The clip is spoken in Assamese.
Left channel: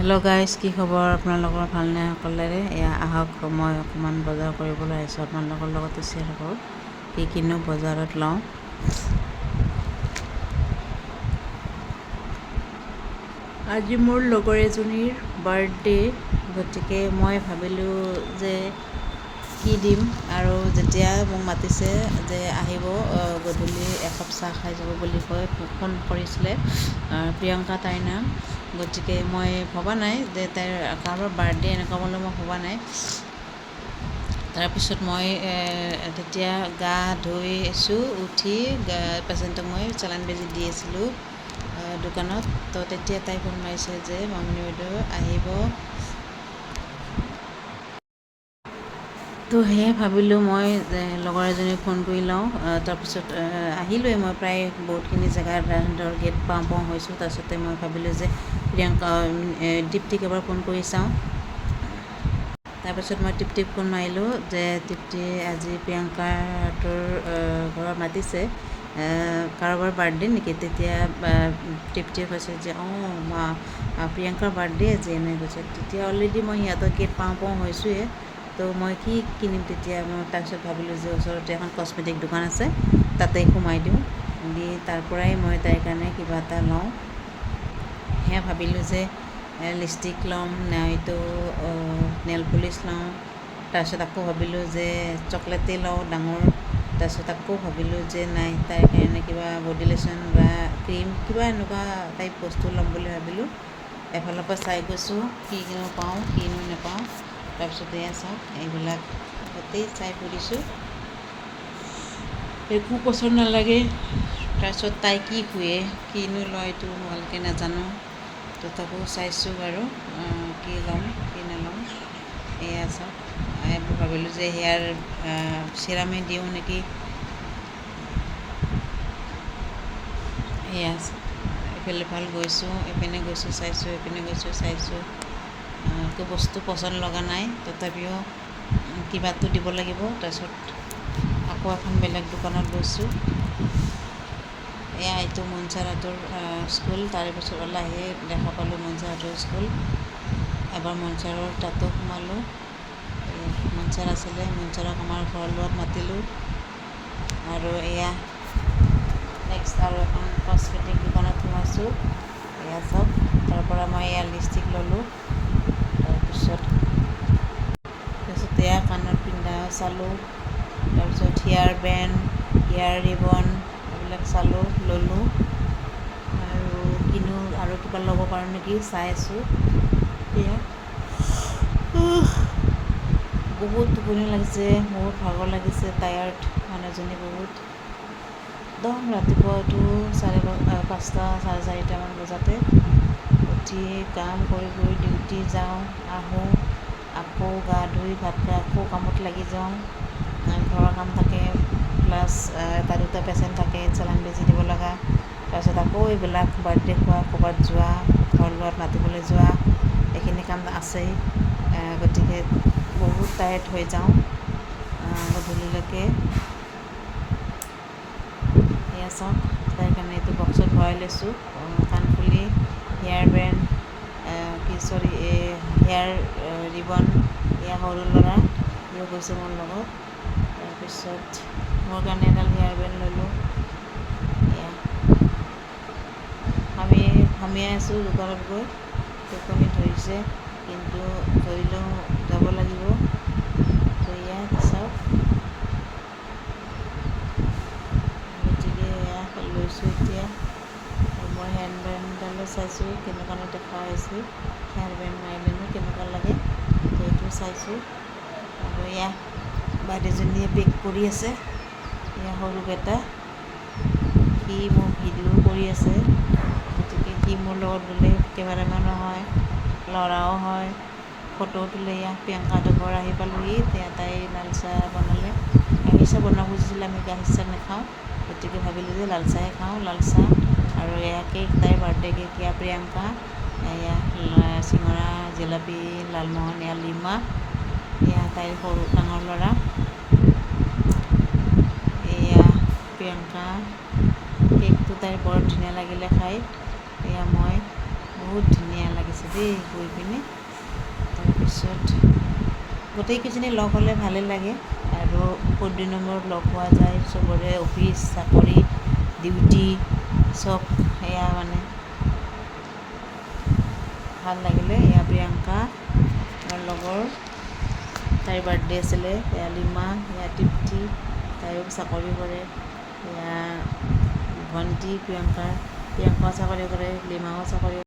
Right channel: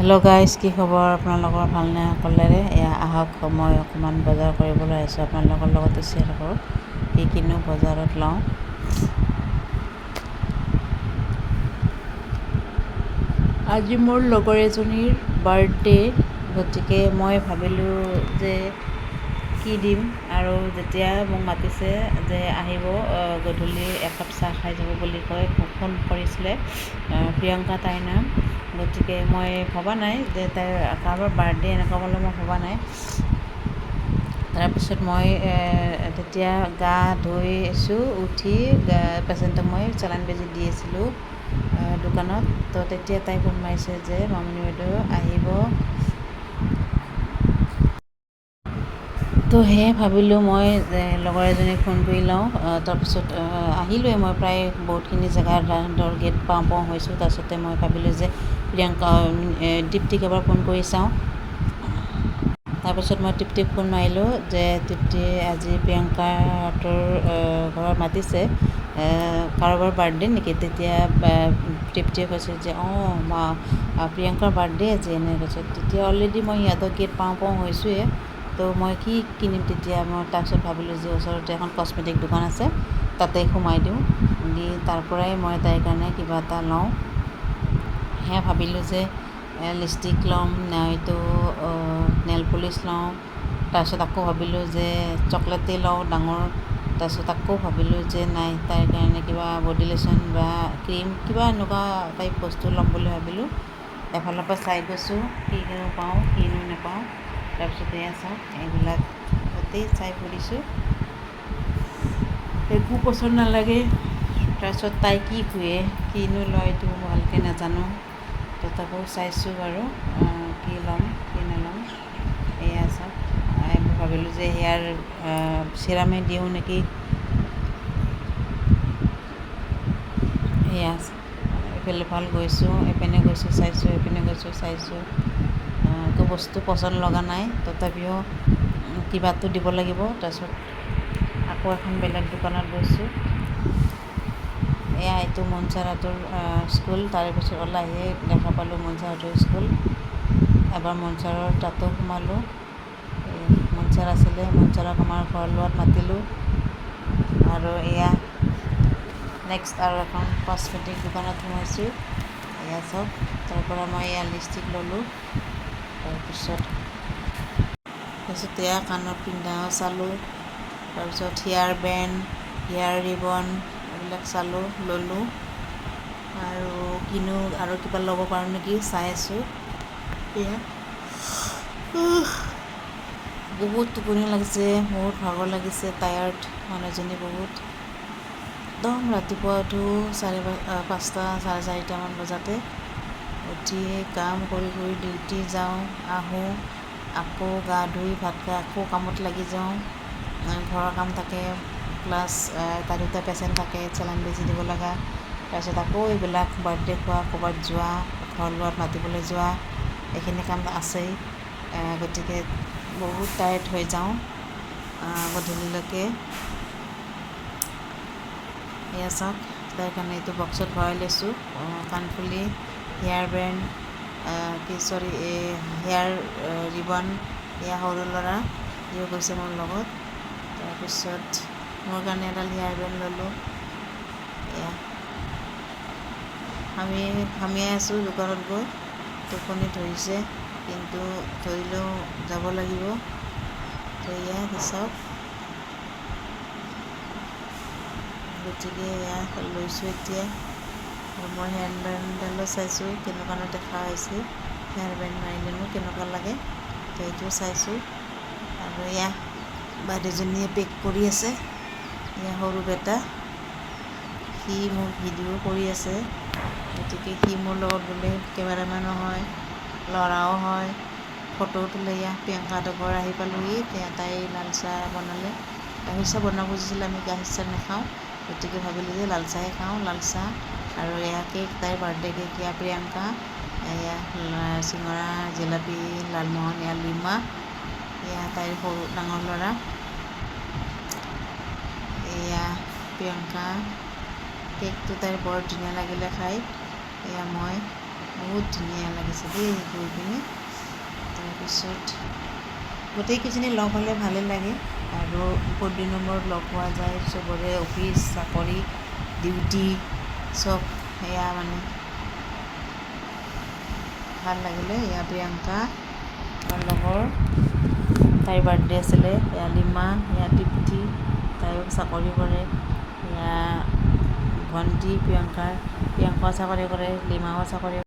হেল্ল' গাইজ, কি খবৰ আপোনালোকৰ? ভালনে সকলোৰে? এয়া আহক, মই অকণমান বজাৰ কৰিবলৈ আহিছোঁ, আপোনালোকৰ লগতে শ্বেয়াৰ কৰোঁ কি কিনো বজাৰত লওঁ। আজি মোৰ লগৰ এজনীৰ বাৰ্থডে, গতিকে মই ভাবিলোঁ যে কি দিম, আৰু যেতিয়া মোক মাতিছে যে আহিব গধূলি একাপ চাহ খাই যাব বুলি কৈ ফোন কৰিছিলে প্ৰিয়ংকা তাইৰ নাম। গতিকে মই ভবা নাই যে তাইৰ কাৰোবাৰ বাৰ্থডে এনেকুৱা বুলি মই ভবা নাই। তাৰপিছত মই তেতিয়া গা ধুই আছোঁ, উঠি পেচেণ্টক মই চেলাইন বেজি দি আছিলোঁ দোকানত। তো তেতিয়া তাই ফোন মাৰিছে যে মামনি বাইদেউ আহিব। তো সেয়ে ভাবিলোঁ মই লগৰ এজনীক ফোন কৰি লওঁ। তাৰপিছত আহিলোঁৱে, মই প্ৰায় বহুতখিনি জেগাত ধৰ গেট পাওঁ হৈছোঁ। তাৰপিছতে মই ভাবিলোঁ যে প্ৰিয়ংকা দীপ্তিক এবাৰ ফোন কৰি চাওঁ। তাৰপিছত মই তৃপ্তিক ফোন মাৰিলোঁ যে তৃপ্তি, আজি প্ৰিয়ংকাহঁতৰ ঘৰত মাতিছে, কাৰোবাৰ বাৰ্থডে নেকি? তেতিয়া তৃপ্তিয়ে কৈছে যে প্ৰিয়ংকাৰ বাৰ্থডে আজি, এনেকৈ কৈছে। তেতিয়া অলৰেডি মই সিহঁতৰ গেট পাওঁ হৈছোঁৱে। তো মই কি কিনিম তেতিয়া? মই তাৰপিছত ভাবিলোঁ যে ওচৰতে এখন কচমেটিক দোকান আছে, তাতে সোমাই দিওঁ, দি তাৰ পৰাই মই তাইৰ কাৰণে কিবা এটা লওঁ। সেয়া ভাবিলোঁ যে লিপষ্টিক ল'ম, নাইতো নেল পলিচ লওঁ। তাৰপিছত আকৌ ভাবিলোঁ যে চকলেটেই লওঁ ডাঙৰ। তাৰপিছত আকৌ ভাবিলোঁ যে নাই, তাইৰ কাৰণে কিবা বডি লোশ্যন বা ক্ৰীম কিবা এনেকুৱা টাইপ বস্তু ল'ম বুলি ভাবিলোঁ। এফালৰ পৰা চাই গৈছোঁ কিনো পাওঁ কিনো নাপাওঁ। তাৰপিছত এয়া চাওক, এইবিলাক গোটেই চাই ফুৰিছোঁ, একো পচন্দ নালাগে। তাৰপিছত তাই কি শুৱে, কিনো লয় এইটো ভালকৈ নাজানো। তথাপিও চাইছোঁ বাৰু কি ল'ম কি নল'ম। এয়া চাওক, ভাবিলোঁ যে হেয়াৰ চিৰামেই দিওঁ নেকি। এয়া এইফালে ভাল গৈছোঁ, এইপিনে গৈছোঁ চাইছোঁ, এইপিনে গৈছোঁ চাইছোঁ, একো বস্তু পচন্দ লগা নাই। তথাপিও কিবাটো দিব লাগিব। তাৰপিছত আকৌ এখন বেলেগ দোকানত গৈছোঁ। এয়া এইটো মনচাৰাটোৰ স্কুল। তাৰে পিছত ওলাইহে দেখা পালোঁ মনচাৰাটোৰ স্কুল। এবাৰ মনচাৰৰ তাতো সোমালোঁ। মনচাৰ আছিলে, মনচাৰক আমাৰ ঘৰ লোৱাত মাতিলোঁ। আৰু এয়া নেক্সট আৰু এখন কচমেটিক দোকানত সোমাইছোঁ। এয়া চাওক, তাৰ পৰা মই এয়া লিপষ্টিক ল'লোঁ। তাৰপিছত এয়া কাণত পিন্ধাও চালোঁ। তাৰপিছত হেয়াৰ বেণ্ড, হেয়াৰ ৰিবন এইবিলাক চালোঁ, ল'লোঁ। আৰু কিনো আৰু কিবা ল'ব পাৰোঁ নেকি চাই আছোঁ। এয়া বহুত টোপনি লাগিছে, বহুত ভাগৰ লাগিছে, টায়াৰ্ড মানুহজনী বহুত। একদম ৰাতিপুৱা উঠোঁ 5টা 4:30মান বজাতে, উঠি কাম কৰি ডিউটি যাওঁ, আহোঁ, আকৌ গা ধুই ভাত খাই আকৌ কামত লাগি যাওঁ। ঘৰৰ কাম থাকে, প্লাছ এটা দুটা পেচেণ্ট থাকে, চেলাইন বেজি দিব লগা। তাৰপিছত আকৌ এইবিলাক বাৰ্থডে খোৱা, ক'ৰবাত যোৱা, ঘৰ লোৱাত মাতিবলৈ যোৱা, এইখিনি কাম আছেই। গতিকে বহুত টায়াৰ্ড হৈ যাওঁ গধূলিলৈকে। এয়া চাওক, তাইৰ কাৰণে এইটো বক্সত ভৰাই লৈছোঁ, কাণফুলি, হেয়াৰ বেণ্ড, হেয়াৰ ৰিবন। এয়া সৰু ল'ৰা, সিও গৈছে মোৰ লগত। তাৰপিছত মোৰ কাৰণে এডাল হেয়াৰ বেণ্ড ল'লোঁ। এয়া হামিয়াই আছোঁ দোকানত গৈ, টোপনি ধৰিছে, কিন্তু ধৰিলেও যাব লাগিব। তো এয়া চাওক, গতিকে এয়া লৈছোঁ এতিয়া। আৰু মই হেয়াৰ বেণ্ডডালো চাইছোঁ কেনেকুৱানো দেখা হৈছে, হেয়াৰ বেণ্ড মাৰিলেনো কেনেকুৱা লাগে, তো এইটো চাইছোঁ। আৰু এয়া বাইদেউজনীয়ে পেক কৰি আছে। এয়া সৰু বেটা, সি মোক ভিডিঅ' কৰি আছে। গতিকে সি মোৰ লগত বোলে কেমেৰামেনো হয়, ল'ৰাও হয়, ফটোও তোলে। এয়া প্ৰিয়ংকাহঁতৰ ঘৰ আহি পালোঁহি। তাই লাল চাহ বনালে, গাখীৰ চাহ বনাব খুজিছিলে, আমি গাখীৰ চাহ নাখাওঁ। গতিকে ভাবিলোঁ যে লাল চাহেই খাওঁ, লাল চাহ। আৰু এয়া কেক, তাইৰ বাৰ্থডে কেক, এয়া প্ৰিয়ংকা। এয়া চিঙৰা, জিলাপি, লালমোহন, এয়া লিমা, এয়া তাইৰ ডাঙৰ ল'ৰা। এয়া প্ৰিয়ংকা, কেকটো তাইৰ বৰ ধুনীয়া লাগিলে খাই। এয়া মই বহুত ধুনীয়া লাগিছে দেই গৈ পিনে। তাৰপিছত গোটেইকেইজনী লগ হ'লে ভালেই লাগে আৰু বহুত দিনৰ মূৰত লগ পোৱা যায়। চবৰে অফিচ চাকৰি ডিউটি চব সেয়া মানে ভাল লাগিলে। এয়া প্ৰিয়ংকা তাৰ লগৰ, তাইৰ বাৰ্থডে আছিলে। এয়া লিমা, এয়া তৃপ্তি, তাইও চাকৰি কৰে। এয়া ভণ্টি প্ৰিয়ংকাও চাকৰি কৰে, লিমাও চাকৰি